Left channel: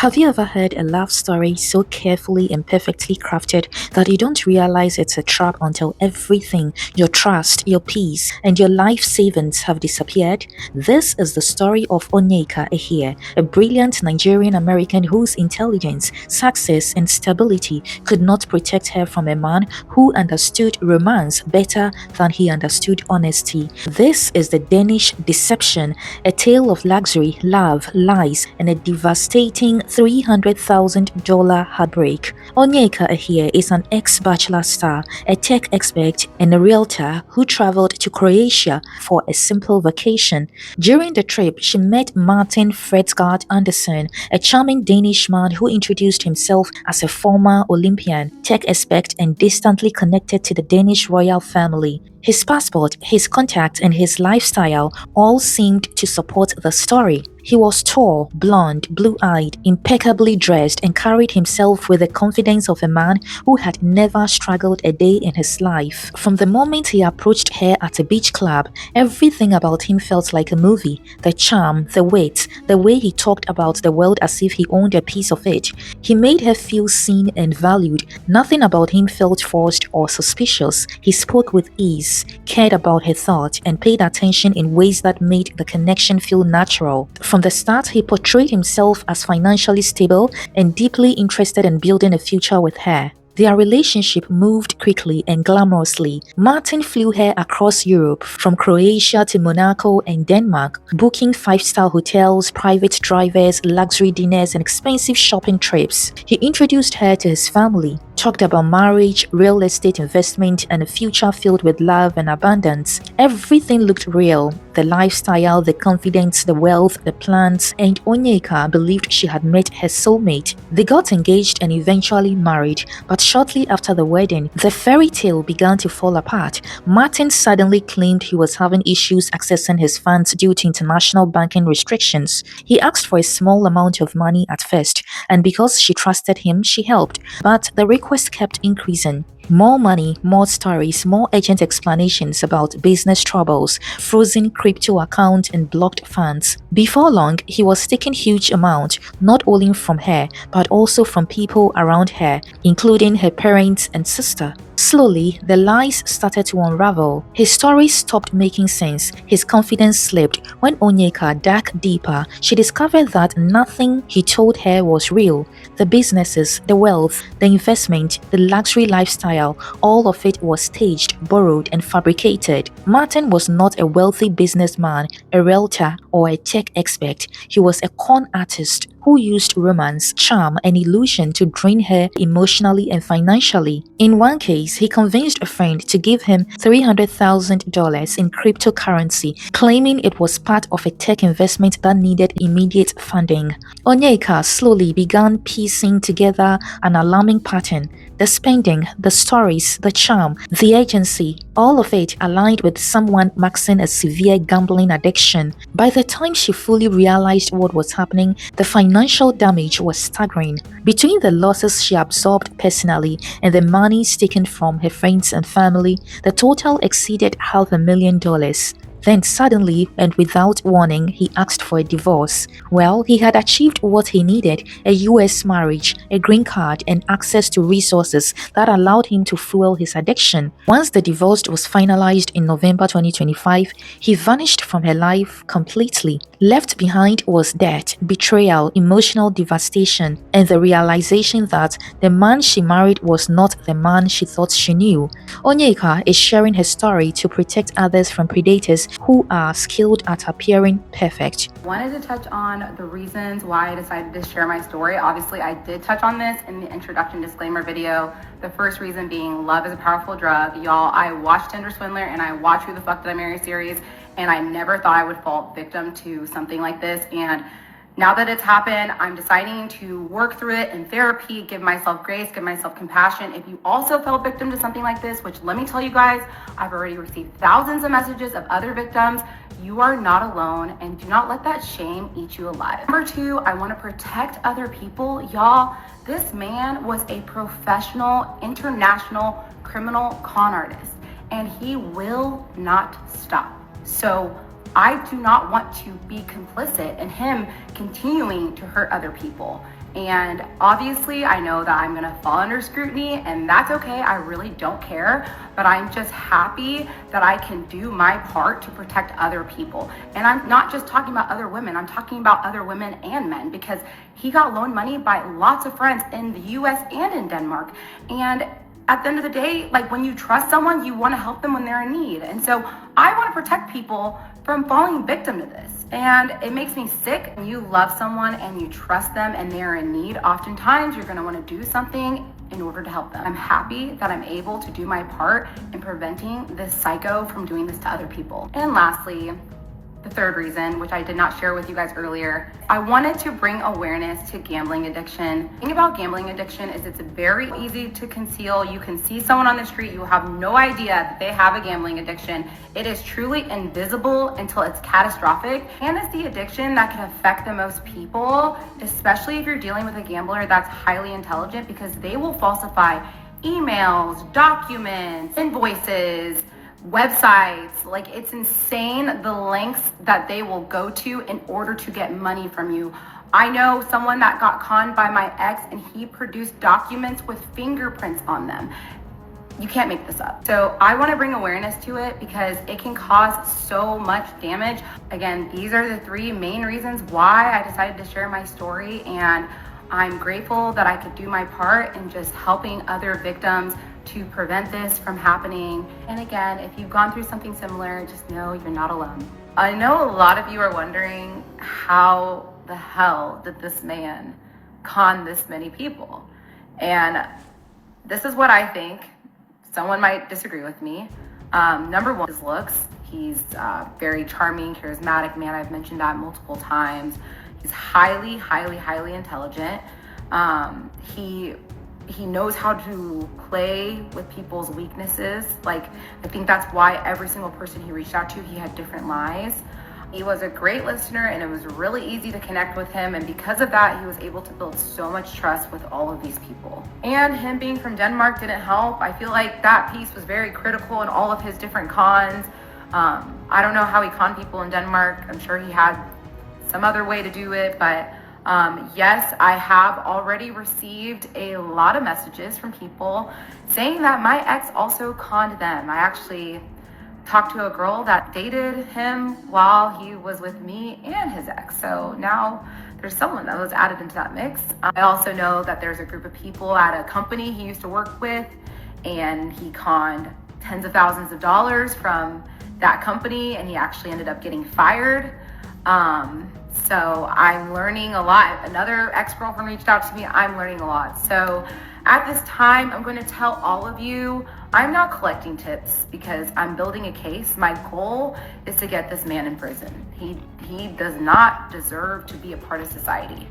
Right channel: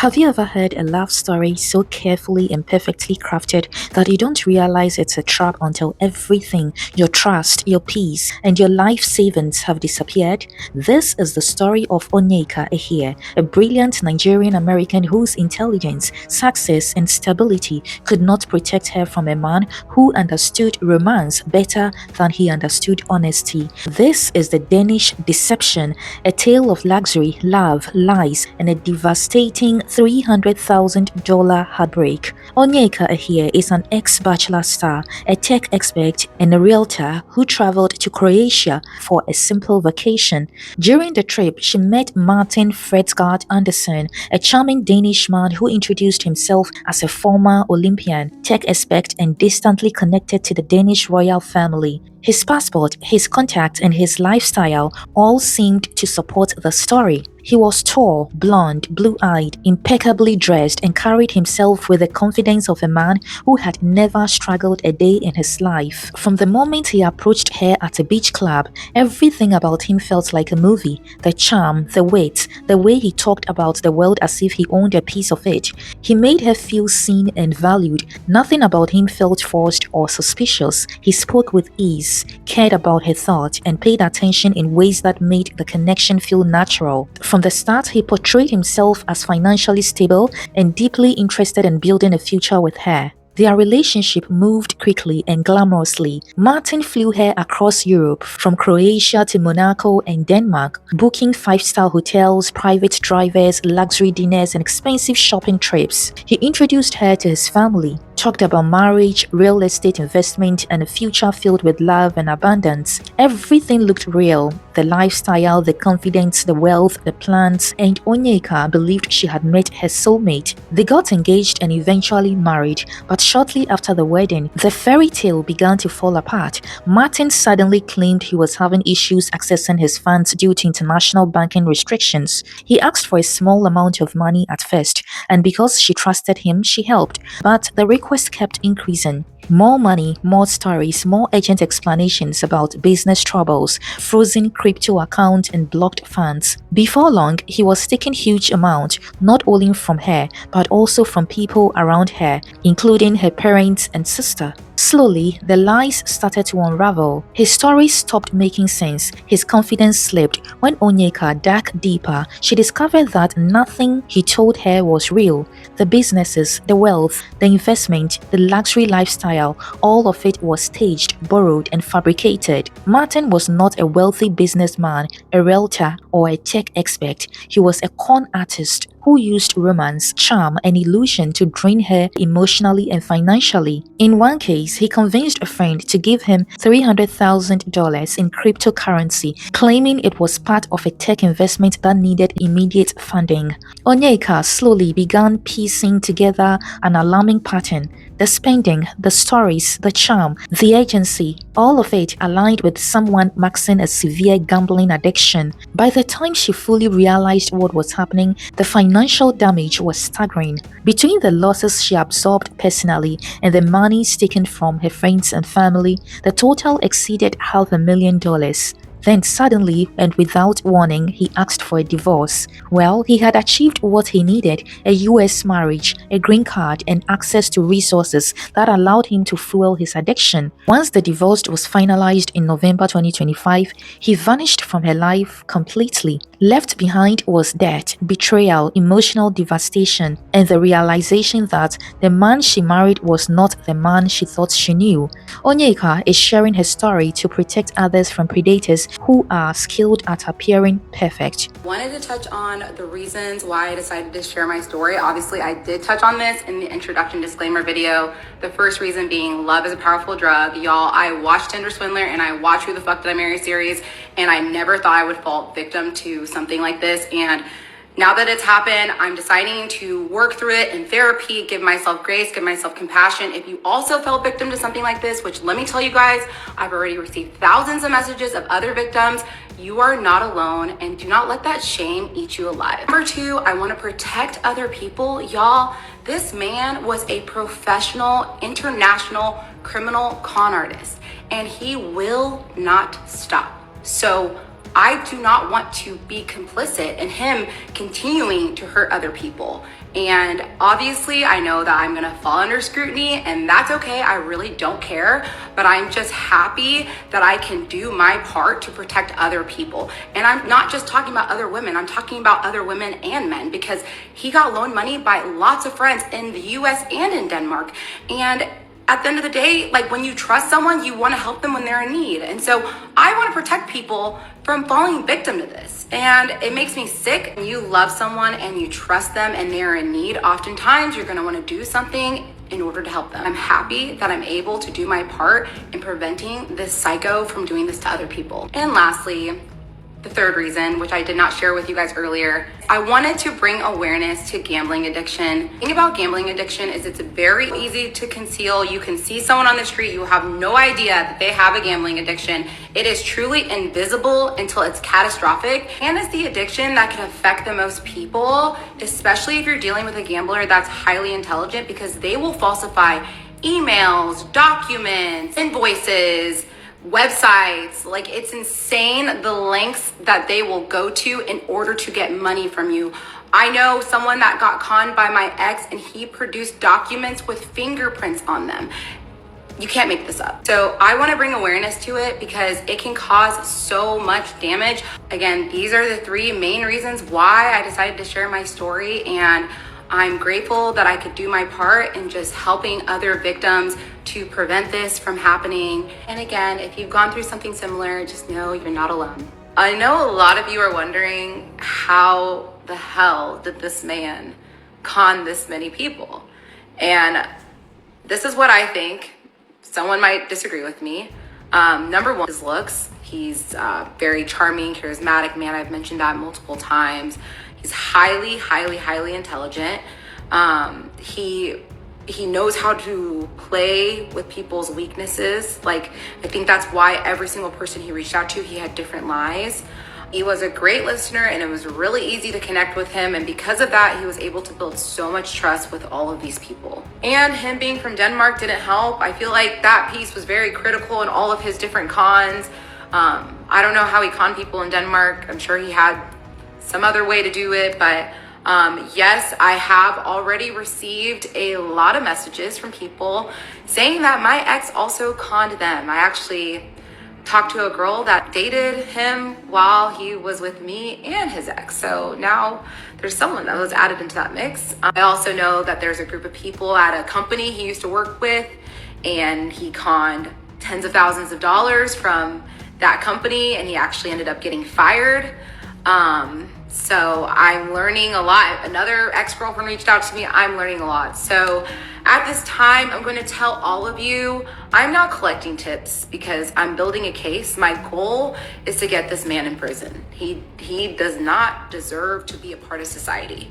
Have you ever heard a love story so carefully and perfectly crafted that you don't realize it's a trap until everything, your trust, your peace, and your life savings have disappeared? This is the story of Onyeka Ehie, a brilliant Nigerian-American whose intelligence, success, and stability could not protect her from a man who understood romance better than he understood honesty. This is the Danish Deception, a tale of luxury, love, lies, and a devastating $300,000 heartbreak. Onyeka Ehie is an ex-Bachelor star, a tech expert, and a realtor who traveled to Croatia for a simple vacation. During the trip, she met Martin Fredsgaard Andersen, a charming Danish man who introduced himself as a former Olympian, tech expert, and distantly connected to the Danish royal family. His passport, his contacts, and his lifestyle all seemed to support the story. He was tall, blond, blue-eyed, impeccably dressed, and carried himself with the confidence of a man who had never struggled a day in his life. From the moment he approached her at a beach club, everything about him felt like a movie. The charm, the wit, the way he talked about the world as if he owned a piece of it. He made her feel seen and valued. Nothing about him felt forced or suspicious. He spoke with ease, cared about her thoughts, and paid attention in ways that made the connection feel natural. From the start, he portrayed himself as financially stable and deeply interested in building a future with her. Their relationship moved quickly and glamorously. Martin flew her across Europe, from Croatia to Monaco and Denmark, booking five-star hotels, private drivers, luxury dinners, and expensive shopping trips. He introduced her to his family, talked about marriage, real estate investment, and a future filled with love and abundance. Everything looked real. The lifestyle, the confidence, the wealth, the plans, and Onyeka believed she had met her soulmate. They got engaged and eventually married, but shortly after the wedding, the fairy tale began to fall apart. Martin suddenly claimed he was having issues accessing his funds due to international banking restrictions. He asked for a small amount of money at first, and because she trusted him, she helped. But the request kept increasing. More money, more stories, more urgent explanations about business troubles, frozen crypto accounts, and blocked funds. Before long, he was taking huge amounts, not only from her, but also from people around her, including her parents and sister. Slowly, the lies started to unravel. His story stopped making sense. His confidence slipped. When Onyeka dug deeper, she discovered that nothing he told her was real. The businesses, the wealth, the investment, the luxury lifestyle, all of it was staged, borrowed, and fabricated. Martin was not a wealthy businessman, a realtor, or a tech expert. He was a con artist who used romance, charm, and illusion to drain her emotionally and financially. In one case, he convinced a friend to give him $300,000 in cryptocurrency, claiming it was part of a tech investment that needed immediate funding. Onyeka slowly began piecing together an alarming pattern. The spending, the stories, the charm, the agency, all of it aligned with someone maxing a severe gambling addiction. By the time she fully realized what was happening, the financial damage was staggering. Between the losses she absorbed personally and the money taken from her friends and family, the total exceeded $500,000. Then suddenly and without warning, he asked for a divorce. Well, he had achieved what he needed: a US marriage, a green card, and access to resources that allowed him to fuel his addiction. Once the divorce was finalized in November 2025, he vanished from her life completely. Left behind was debt, betrayal, emotional devastation, and the realization that the man she married was not the man she thought she knew. Onyeka is sharing her story to protect others from predators who are skilled at appearing perfect. Wanted to touch on the reasons why I decided to share my story. Obviously, I did touch on this in the introduction disclaimer video. The first reason being love is a powerful drug. Y'all, I watched Tinder Swindler and I watched Who the Fuck Did I Marry series, and I never thought I would fall victim to something like this. And now that it's happened, I'm deciding to work through it in therapy, give myself grace, give myself compassion. If you also fell victim to something like this, which let me tell you guys, I've already received thousands of messages of other victims. You are not alone, and do not let that shame eat you alive. Number two, I want to protect other people. Y'all, this man was a professional, international criminal con artist, and he will not stop. So I do not want to be complicit in him continuing to hurt other people. And obviously, I know that I'm gonna fall under scrutiny, and that's okay. I really don't care. But I'm just happy that I can do my part to protect other people. And I'm not just talking about other women, I'm talking about other women and men, because he got loaned money by lots of friends in the US and in Denmark. And at the end of the day, like, when you trust someone, you want to help them when they're in need. And so I want to protect people from falling victim to this. And it makes me sick. When you love someone and you trust them and they're in need, oftentimes you're going to want to do something in order to help them. I'm happy that I'm able to do my part in preventing this psycho from doing this to other people. And lastly, the third reason, which I did not share with you guys earlier, I wanted to bring awareness to gambling addiction. The thing about gambling addiction is it's very easy to conceal. You can see someone on the street, you have no idea that they have a gambling addiction. It is truly invisible until it's catastrophic. And it's the addiction that can affect the most people, especially if you're dealing with a gambler that's highly intelligent, because they will falsify emails, documents, invoices, websites. Like, it's insane the lengths that they will go to in order to get money from you. I know someone that got conned by my ex, and he produced documents with fingerprints on them. You can't make this up. So I want to bring awareness to it because it can cause so much damage. Again, these are the three main reasons why I decided to share my story, and I'm grateful that I could do my part in just helping other victims to prevent this from happening. And again, if you've gone through something similar, just know you're not alone. I know a lot of you are wondering, how the hell did this man con this many people? And this is what I think. Someone might disagree with me. Number one, his looks. He's very charming, charismatic man. I've mentioned that multiple times. He's highly, highly, highly intelligent. He knows how to play with people's weaknesses. Like, I think that's why every single person he reached out to, he had different lies. He was a great listener, and it was really easy to connect with him. And because of that, he was able to build so much trust with all of these people. And him being from Denmark didn't help. I feel like that piece was very critical in all of his different cons. I don't know how he conned people in Denmark. I'm sure he had some other way to do it, but yes, I have already received a lot of messages from people saying that my ex also conned them. I actually talked to a girl that dated him while he was with me and his ex. So now there's someone that was added into that mix. I also know that there's a group of people at a company he used to work with, and he conned tens of thousands of dollars from that company, and he actually ended up getting fired. So I'm learning a lot. Another ex-girlfriend reached out to me. I'm learning a lot. So at this time, I'm going to tell all of you, I'm not collecting tips because I'm building a case. My goal is to get this man in prison. He does not deserve to be a part of society.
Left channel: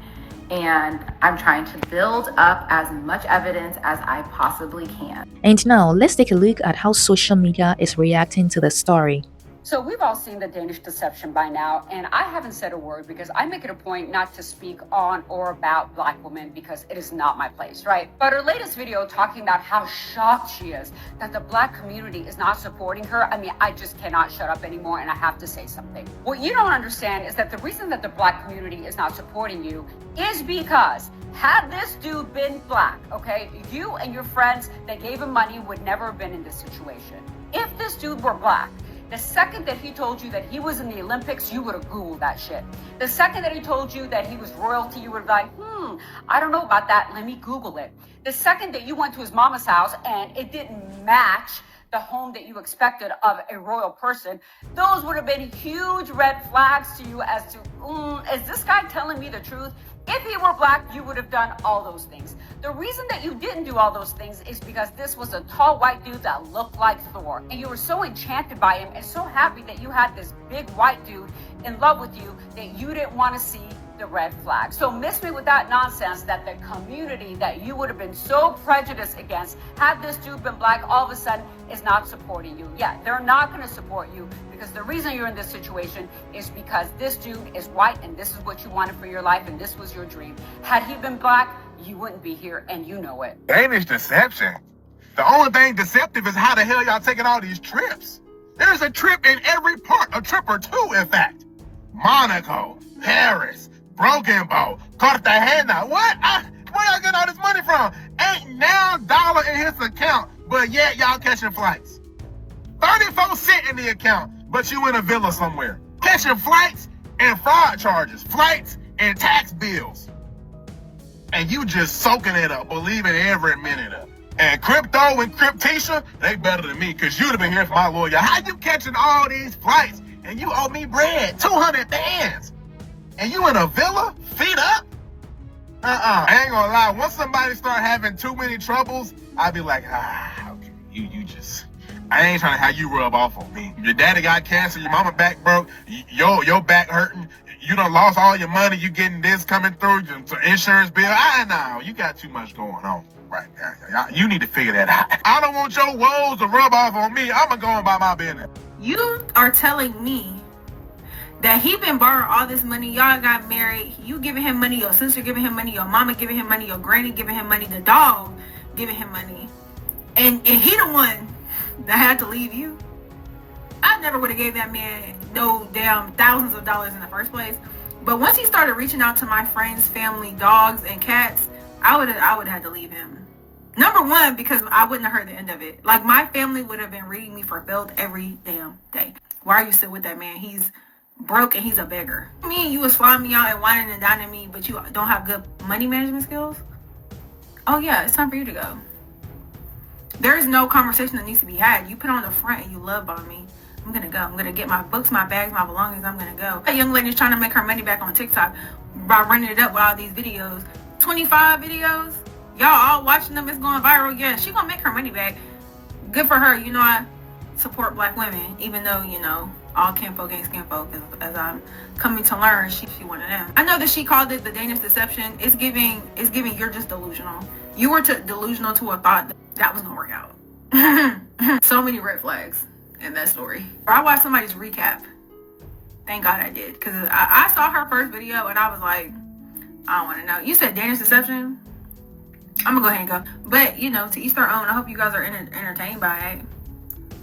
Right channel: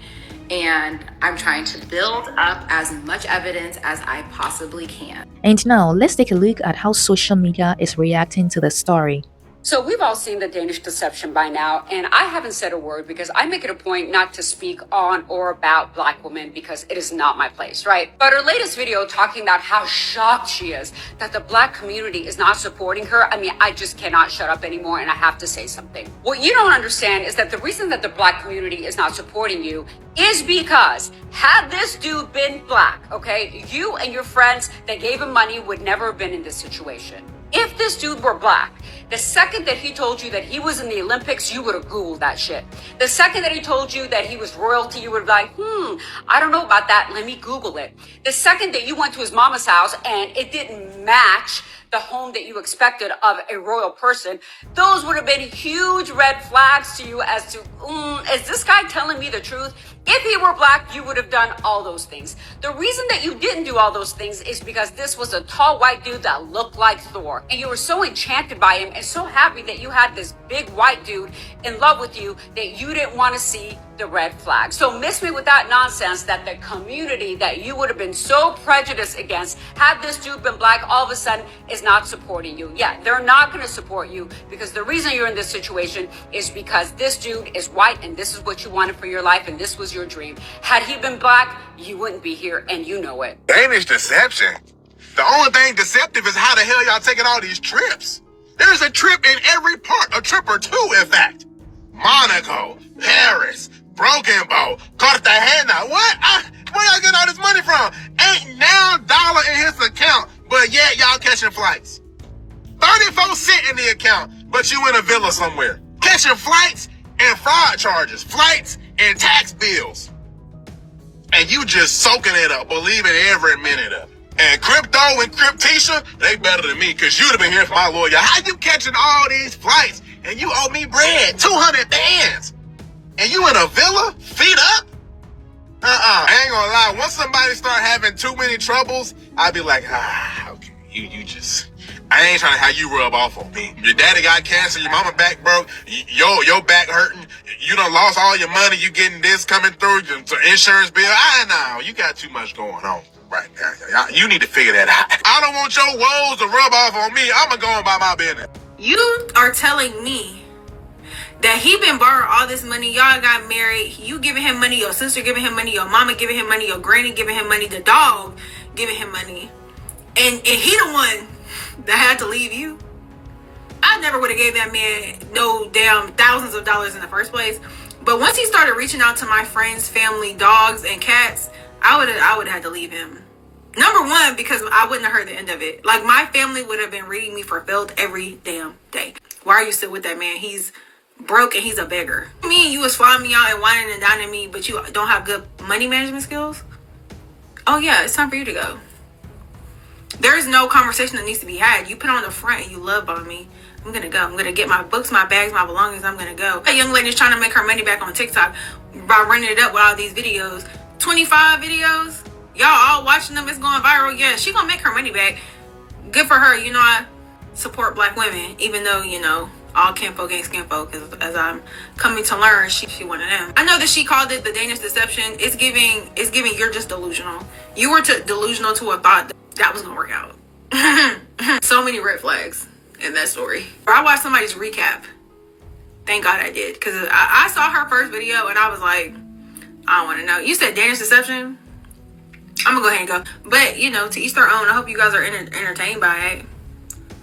And I'm trying to build up as much evidence as I possibly can. And now let's take a look at how social media is reacting to the story. So we've all seen the Danish Deception by now, and I haven't said a word because I make it a point not to speak on or about Black women because it is not my place, right? But her latest video talking about how shocked she is that the Black community is not supporting her, I mean, I just cannot shut up anymore, and I have to say something. What you don't understand is that the reason that the Black community is not supporting you is because had this dude been Black, okay, you and your friends that gave him money would never have been in this situation. If this dude were Black, the second that he told you that he was in the Olympics, you would have Googled that shit. The second that he told you that he was royalty, you would have been like, I don't know about that. Let me Google it. The second that you went to his mama's house and it didn't match the home that you expected of a royal person, those would have been huge red flags to you as to, is this guy telling me the truth? If he were Black, you would have done all those things. The reason that you didn't do all those things is because this was a tall white dude that looked like Thor. And you were so enchanted by him and so happy that you had this big white dude in love with you that you didn't want to see the red flag. So miss me with that nonsense that the community that you would have been so prejudiced against had this dude been Black all of a sudden is not supporting you. Yeah, they're not going to support you because the reason you're in this situation is because this dude is white and this is what you wanted for your life and this was your dream. Had he been Black, you wouldn't be here and you know it. Danish Deception? The only thing deceptive is how the hell y'all taking all these trips. There's a trip in every part, a trip or two in fact. Monaco, Paris, Broken boat. Caught the hand now. What? Where y'all get all this money from? Ain't now dollar in his account, but yet y'all catching flights. 34 cents in the account, but you in a villa somewhere. Catching flights and fraud charges. Flights and tax bills. And you just soaking it up, believing every minute of it. And Crypto and Cryptisha, they better than me, because you'd have been here for my lawyer. How you catching all these flights and you owe me bread, 200 bands, and you in a villa, feet up? I ain't gonna lie, once somebody start having too many troubles, I'd be like, okay, you just, I ain't trying to have you rub off on me. Your daddy got cancer, your mama back broke, your back hurting, you done lost all your money, you getting this coming through, your insurance bill. I know, you got too much going on right now. You need to figure that out. I don't want your woes to rub off on me. I'm gonna go about my business. You are telling me that he been borrowing all this money, y'all got married, you giving him money, your sister giving him money, your mama giving him money, your granny giving him money, the dog giving him money, and he the one that had to leave you? I never would have gave that man no damn thousands of dollars in the first place. But once he started reaching out to my friends, family, dogs, and cats, I would have had to leave him. Number one, because I wouldn't have heard the end of it. Like, my family would have been reading me for filth every damn day. Why are you still with that man? He's broke and he's a beggar. Me and you was flying me out and whining and dining me, but you don't have good money management skills? Oh yeah, it's time for you to go. There's no conversation that needs to be had. You put on the front and you love bomb me. I'm gonna go. I'm gonna get my books, my bags, my belongings. I'm gonna go. That young lady's trying to make her money back on TikTok by running it up with all these videos. 25 videos. Y'all all watching them. It's going viral. Yeah, she gonna make her money back. Good for her. You know, I support black women, even though, you know, all kinfolk ain't skinfolk, because as I'm coming to learn, she one of them. I know that she called it the Danish Deception. It's giving you're just delusional. You were delusional to a thought that was gonna work out. So many red flags in that story. I watched somebody's recap. Thank God I did, because I saw her first video and I was like, I don't want to know. You said Danish Deception? I'm gonna go ahead and go. But, you know, to each their own. I hope you guys are entertained by it,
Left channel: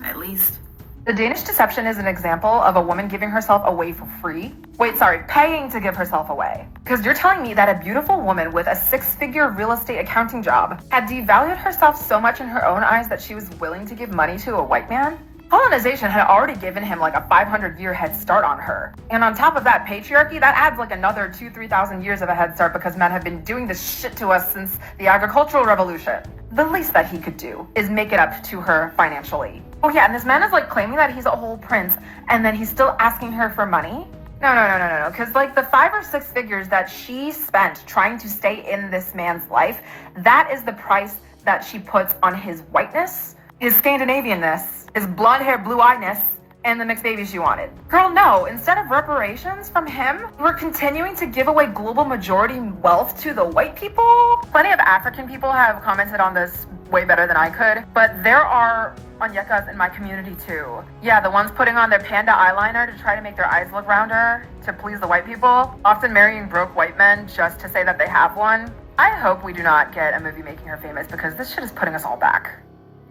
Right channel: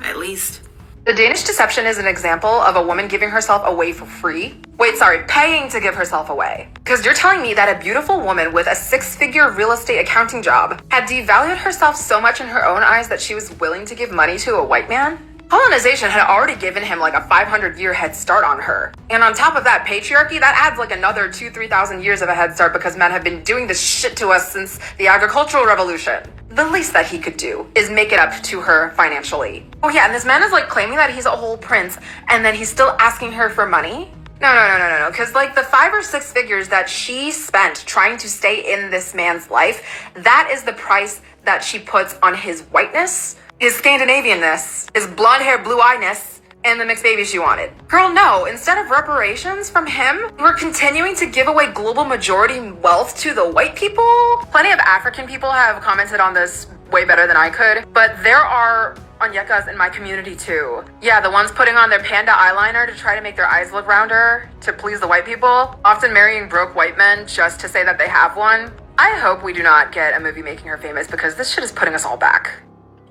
at least. The Danish Deception is an example of a woman giving herself away for free. Wait, sorry, paying to give herself away. Because you're telling me that a beautiful woman with a 6-figure real estate accounting job had devalued herself so much in her own eyes that she was willing to give money to a white man? Colonization had already given him like a 500-year head start on her. And on top of that, patriarchy, that adds like another 2,000-3,000 years of a head start, because men have been doing this shit to us since the agricultural revolution. The least that he could do is make it up to her financially. Oh yeah, and this man is like claiming that he's a whole prince, and then he's still asking her for money? No, because like the 5 or 6 figures that she spent trying to stay in this man's life, that is the price that she puts on his whiteness, his Scandinavianness, his blonde hair, blue-eyedness, and the mixed baby she wanted. Girl, no, instead of reparations from him, we're continuing to give away global majority wealth to the white people. Plenty of African people have commented on this way better than I could, but there are Onyekas in my community too. Yeah, the ones putting on their panda eyeliner to try to make their eyes look rounder to please the white people, often marrying broke white men just to say that they have one. I hope we do not get a movie making her famous, because this shit is putting us all back.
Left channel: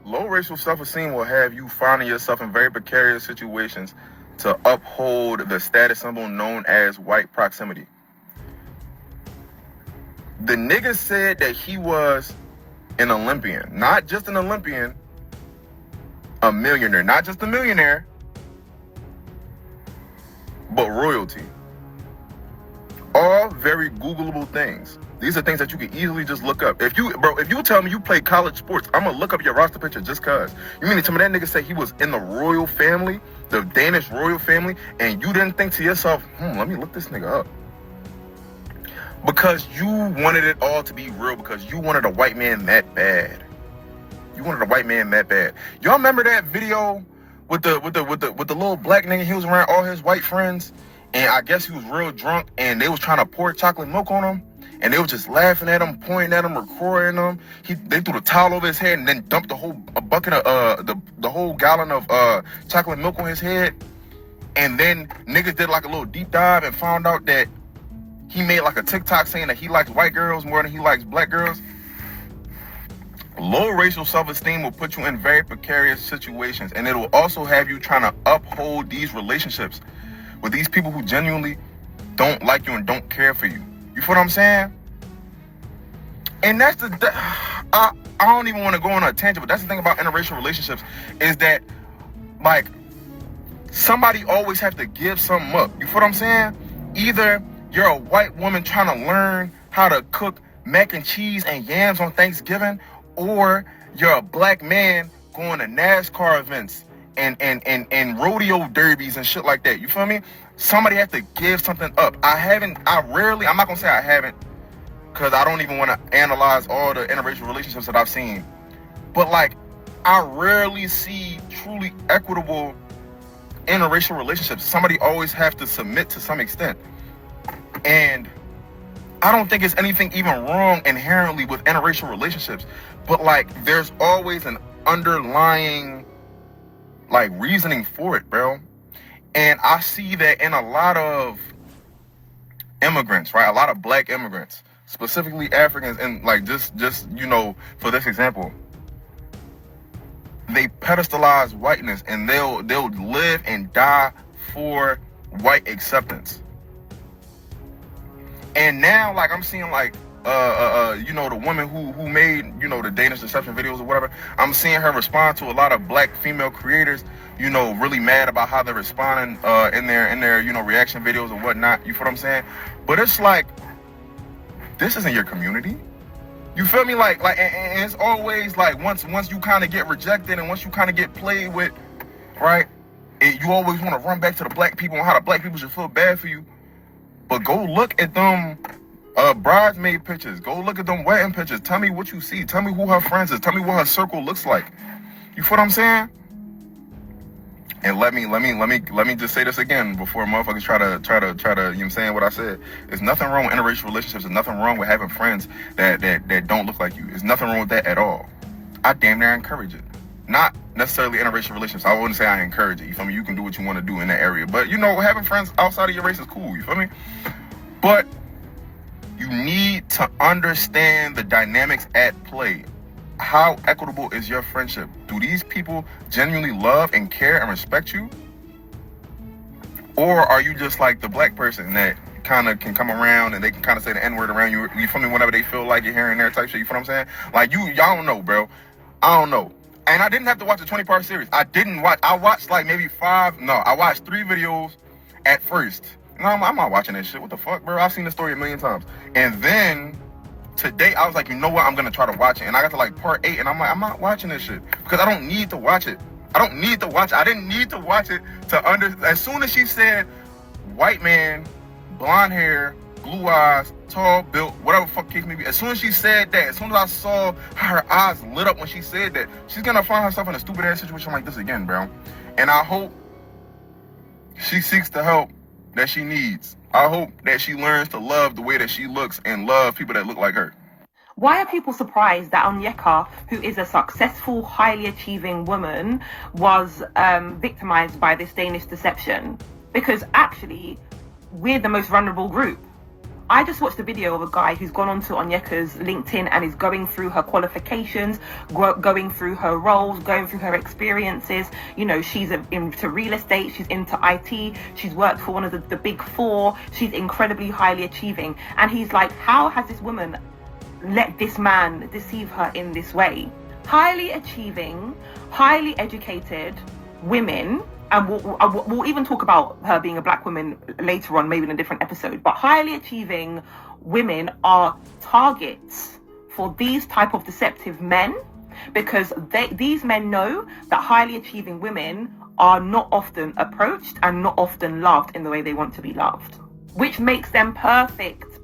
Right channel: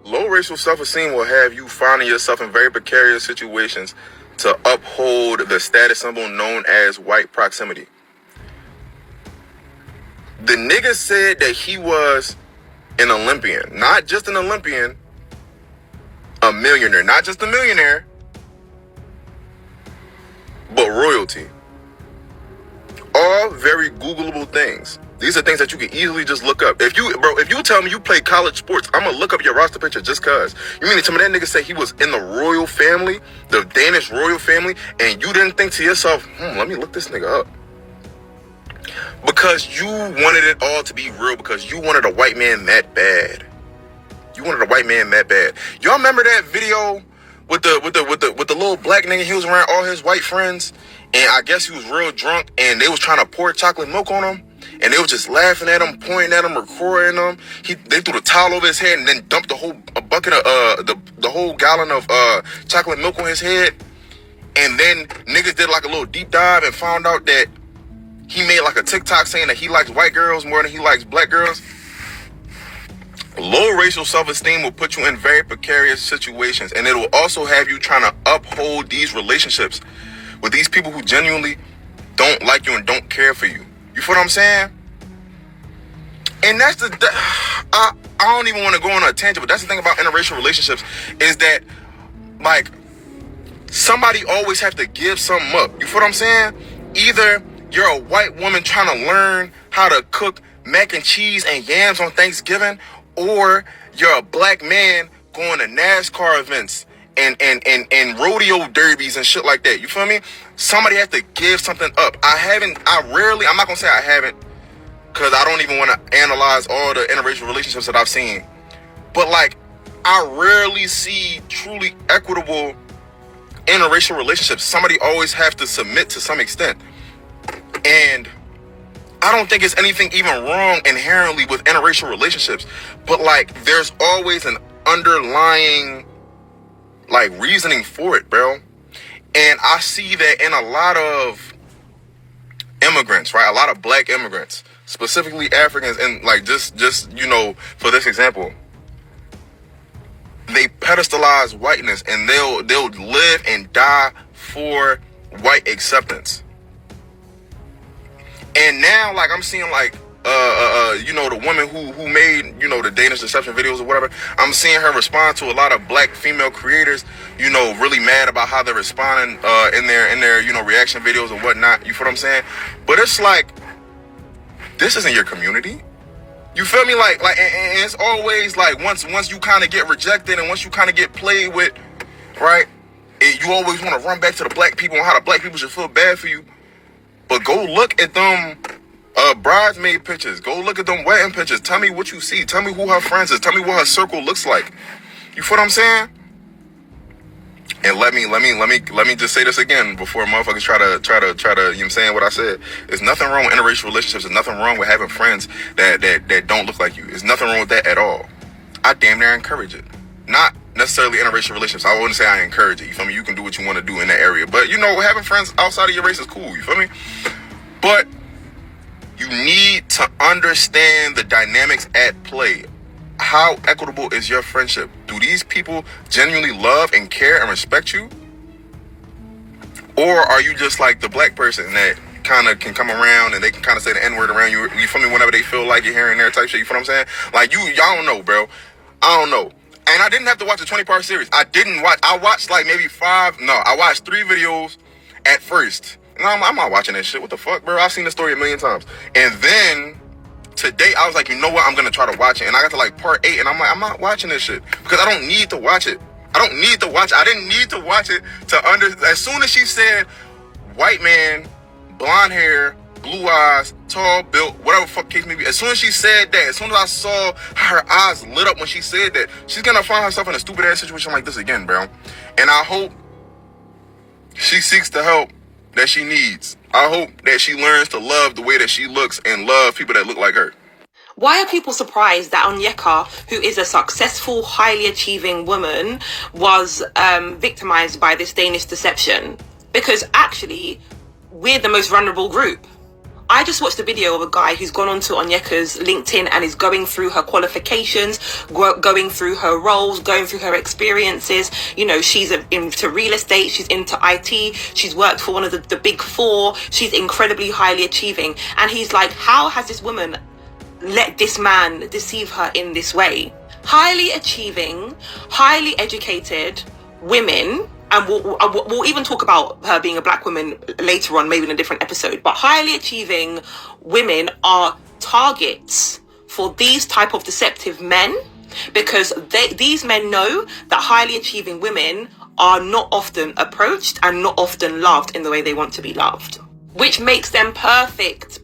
Low racial self-esteem will have you finding yourself in very precarious situations to uphold the status symbol known as white proximity. The nigga said that he was an Olympian, not just an Olympian, a millionaire, not just a millionaire, but royalty. All very Googleable things. These are things that you can easily just look up. If you tell me you play college sports, I'm gonna look up your roster picture just cause. You mean to tell me that nigga say he was in the royal family, the Danish royal family, and you didn't think to yourself, let me look this nigga up? Because you wanted it all to be real, because you wanted a white man that bad. You wanted a white man that bad. Y'all remember that video with the little black nigga? He was around all his white friends, and I guess he was real drunk, and they was trying to pour chocolate milk on him, and they was just laughing at him, pointing at him, recording him. They threw the towel over his head and then dumped a bucket of the whole gallon of chocolate milk on his head. And then niggas did like a little deep dive and found out that he made like a TikTok saying that he likes white girls more than he likes black girls. Low racial self-esteem will put you in very precarious situations, and it will also have you trying to uphold these relationships with these people who genuinely don't like you and don't care for you. You feel what I'm saying? And that's I don't even want to go on a tangent, but that's the thing about interracial relationships is that, like, somebody always have to give something up. You feel what I'm saying? Either you're a white woman trying to learn how to cook mac and cheese and yams on Thanksgiving, or you're a black man going to NASCAR events and rodeo derbies and shit like that. You feel me? Somebody has to give something up. I'm not gonna say I haven't, because I don't even want to analyze all the interracial relationships that I've seen. But, like, I rarely see truly equitable interracial relationships. Somebody always have to submit to some extent. And I don't think it's anything even wrong inherently with interracial relationships. But, like, there's always an underlying, like, reasoning for it, bro. And I see that in a lot of immigrants, right? A lot of black immigrants, specifically Africans, and, like, just you know, for this example, they pedestalize whiteness and they'll live and die for white acceptance. And now, like, I'm seeing, like, you know, the woman who made, you know, the Danish Deception videos or whatever, I'm seeing her respond to a lot of black female creators, you know, really mad about how they're responding in their you know, reaction videos and whatnot. You feel what I'm saying? But it's like, this isn't your community. You feel me? Like, and it's always like, once you kind of get rejected and once you kind of get played with, right? You always want to run back to the black people and how the black people should feel bad for you. But go look at them bridesmaid pictures. Go look at them wedding pictures. Tell me what you see. Tell me who her friends is. Tell me what her circle looks like. You feel what I'm saying? And let me just say this again before motherfuckers try to, you know what I'm saying, what I said. There's nothing wrong with interracial relationships. There's nothing wrong with having friends that don't look like you. There's nothing wrong with that at all. I damn near encourage it. Not necessarily interracial relationships. I wouldn't say I encourage it. You feel me? You can do what you want to do in that area. But, you know, having friends outside of your race is cool. You feel me? But you need to understand the dynamics at play. How equitable is your friendship? Do these people genuinely love and care and respect you? Or are you just like the black person that kind of can come around and they can kind of say the N-word around you? You feel me? Whenever they feel like you're here and there type shit. You feel what I'm saying? Like, y'all don't know, bro. I don't know. And I didn't have to watch a 20-part series. I watched like maybe I watched 3 videos at first. And I'm not watching that shit. What the fuck, bro? I've seen the story a million times. And then today, I was like, you know what? I'm going to try to watch it. And I got to like part 8 and I'm like, I'm not watching this shit because I don't need to watch it. I didn't need to watch it as soon as she said white man, blonde hair, blue eyes, tall, built, whatever the fuck case may be. As soon as she said that, as soon as I saw her eyes lit up when she said that, she's going to find herself in a stupid ass situation like this again, bro. And I hope she seeks the help that she needs. I hope that she learns to love the way that she looks and love people that look like her. Why are people surprised that Onyeka, who is a successful, highly achieving woman, was victimized by this Danish deception? Because actually, we're the most vulnerable group. I just watched a video of a guy who's gone onto Onyeka's LinkedIn and is going through her qualifications, going through her roles, going through her experiences. You know, she's into real estate, she's into IT, she's worked for one of the big 4, she's incredibly highly achieving. And he's like, how has this woman let this man deceive her in this way? Highly achieving, highly educated women, and we'll even talk about her being a black woman later on, maybe in a different episode, but highly achieving women are targets for these type of deceptive men, because these men know that highly achieving women are not often approached and not often loved in the way they want to be loved, which makes them perfect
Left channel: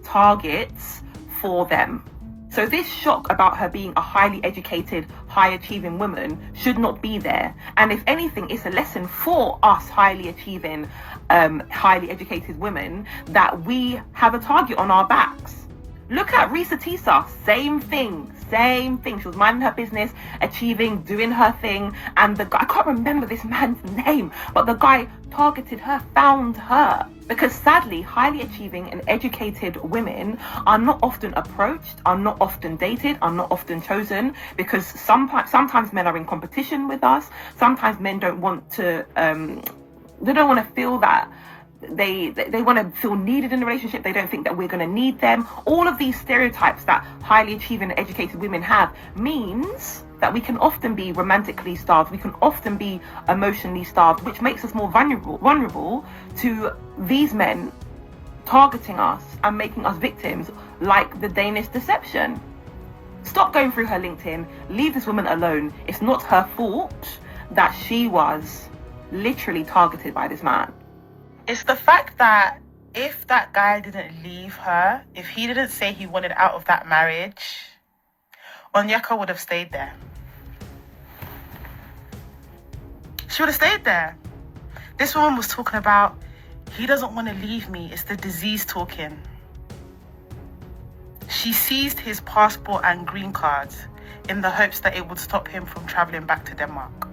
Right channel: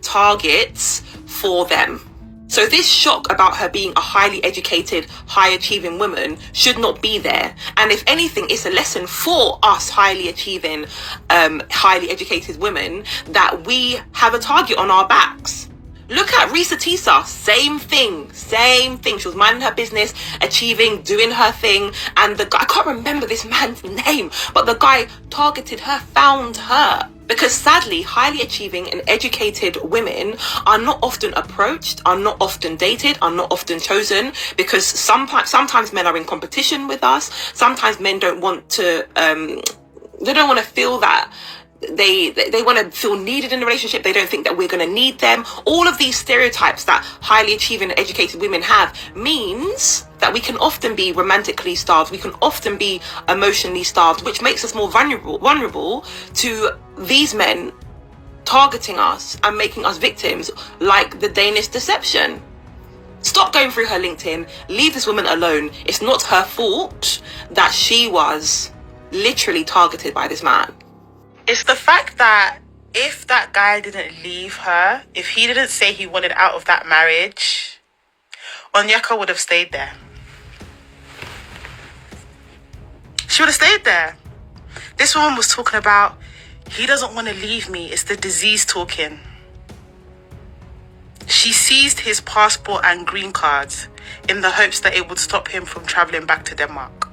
targets for them. So this shock about her being a highly educated, high-achieving woman should not be there. And if anything, it's a lesson for us highly achieving, highly educated women that we have a target on our backs. Look at Risa Tisa, same thing. She was minding her business, achieving, doing her thing. And the guy, I can't remember this man's name, but the guy targeted her, found her. Because sadly, highly achieving and educated women are not often approached, are not often dated, are not often chosen, because sometimes men are in competition with us. Sometimes men don't want to, they don't want to feel that they want to feel needed in the relationship. They don't think that we're going to need them. All of these stereotypes that highly achieving and educated women have means that we can often be romantically starved. We can often be emotionally starved, which makes us more vulnerable to these men targeting us and making us victims, like the Danish Deception. Stop going through her LinkedIn. Leave this woman alone. It's not her fault that she was literally targeted by this man. It's the fact that if that guy didn't leave her, if he didn't say he wanted out of that marriage, Onyeka would have stayed there. She would have stayed there. This woman was talking about, he doesn't want to leave me. It's the disease talking. She seized his passport and green cards in the hopes that it would stop him from traveling back to Denmark.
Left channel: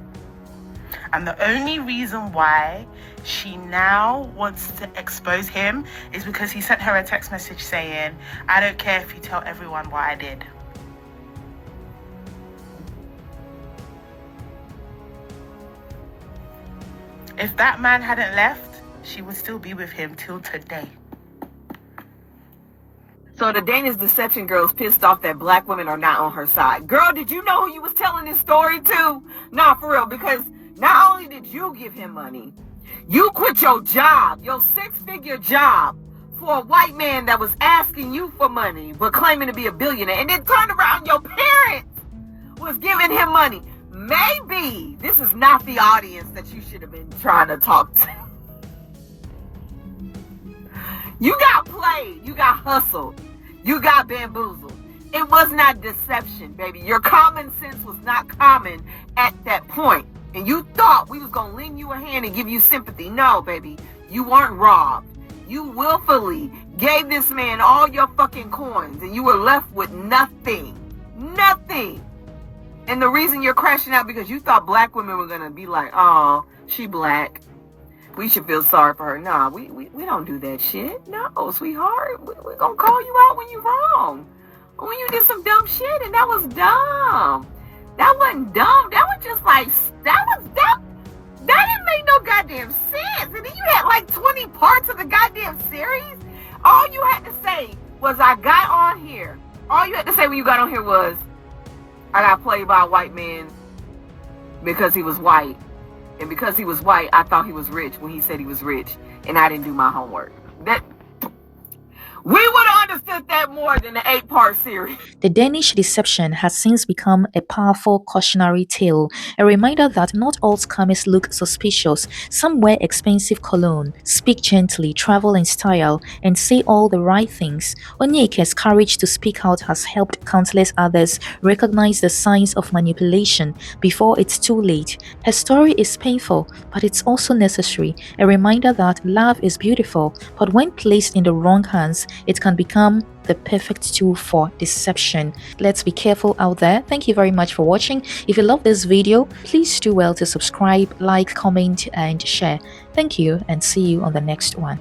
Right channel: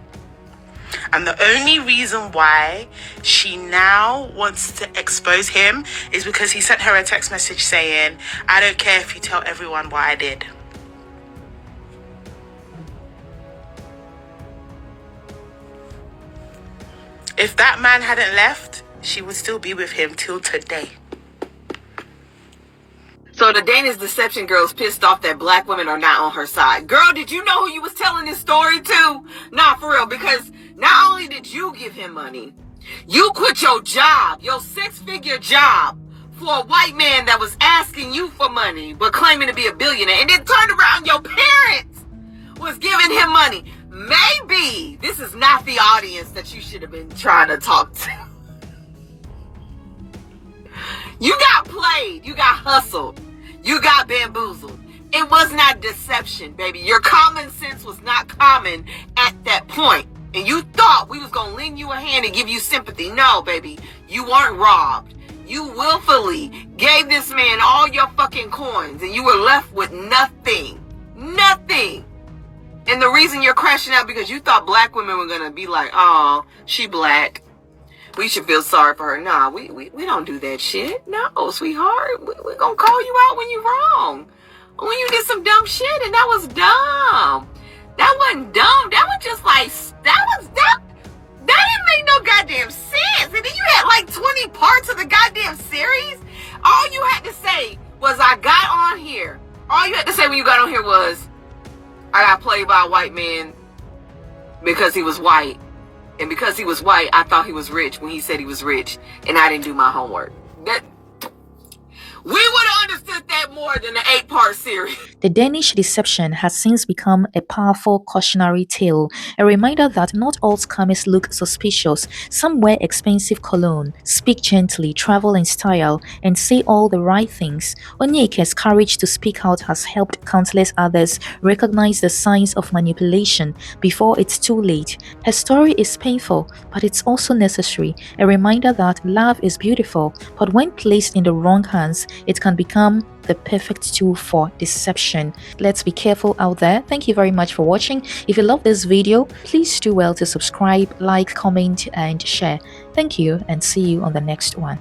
And the only reason why she now wants to expose him is because he sent her a text message saying, I don't care if you tell everyone what I did. If that man hadn't left, she would still be with him till today. So the Danish Deception girl's pissed off that black women are not on her side. Girl, did you know who you was telling this story to? Nah, for real, because not only did you give him money, you quit your job, your 6-figure job, for a white man that was asking you for money, but claiming to be a billionaire, and then turned around, your parents was giving him money. Maybe this is not the audience that you should have been trying to talk to. You got played, you got hustled, you got bamboozled. It was not deception, baby. Your common sense was not common at that point. And you thought we was gonna lend you a hand and give you sympathy. No, baby, you weren't robbed. You willfully gave this man all your fucking coins and you were left with nothing. Nothing. And the reason you're crashing out because you thought black women were gonna be like, oh, she black, we should feel sorry for her. Nah, we don't do that shit. No, sweetheart. We're gonna call you out when you're wrong. When you did some dumb shit, and that was dumb. That wasn't dumb. That was just like, that didn't make no goddamn sense. And then you had like 20 parts of the goddamn series. All you had to say was, I got on here. All you had to say when you got on here was, I got played by a white man because he was white. And because he was white, I thought he was rich when he said he was rich. And I didn't do my homework. We would have understood that more than the 8-part series. The Danish Deception has since become a powerful cautionary tale, a reminder that not all scammers look suspicious. Some wear expensive cologne, speak gently, travel in style, and say all the right things. Onyeka's courage to speak out has helped countless others recognize the signs of manipulation before it's too late. Her story is painful, but it's also necessary, a reminder that love is beautiful, but when placed in the wrong hands, it can become the perfect tool for deception. Let's be careful out there. Thank you very much for watching. If you love this video, please do well to subscribe, like, comment, and share. Thank you, and see you on the next one.